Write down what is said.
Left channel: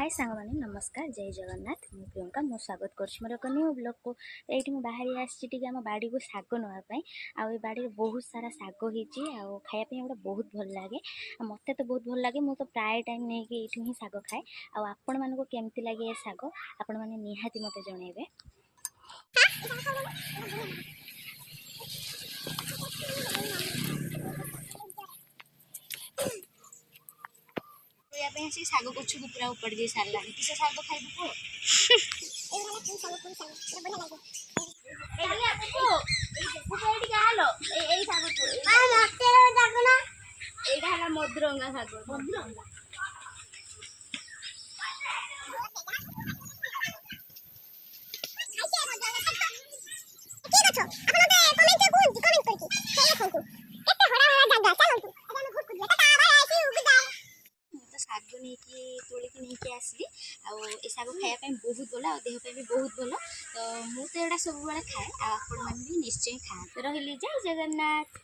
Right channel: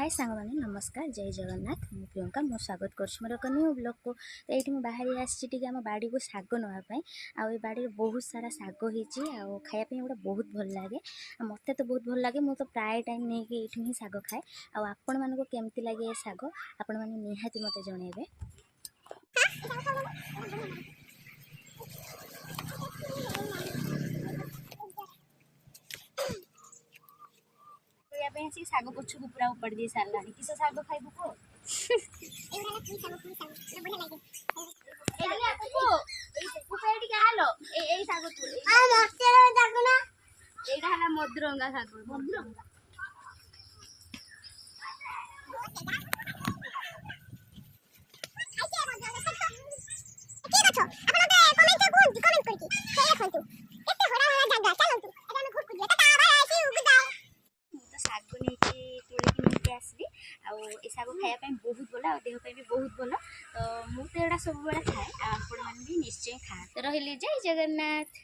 हाय सांग मैंने नमस्कार जय जगन्नाथ मु प्रियंका मो स्वागत कर मोर एक न्यू ब्लॉग को। तो ये बाहरी आसी आम बाड़ी को शाग नापी आई बाड़ी बहुत सारा शाग होती खायापी गोटे बहुत भल लगे मत तो बहुत भल लगे मुझे तो प्राय टाइम नहीं कि ही शाग खाए आपण मानक केमती लगे ये शाग आपण मैंने निहाती मत जनइबे। शाग गछ को पूरा उपड़ दे सारा किस शाग खाइबू को मधुरंगा शाग मधुरंगा आसली आग खायापी बहुत भल आ देहपाई भी बहुत भल तो मुझे सब खाए आपण मैंने भी निश्चय खाते रही जय जगन्नाथ।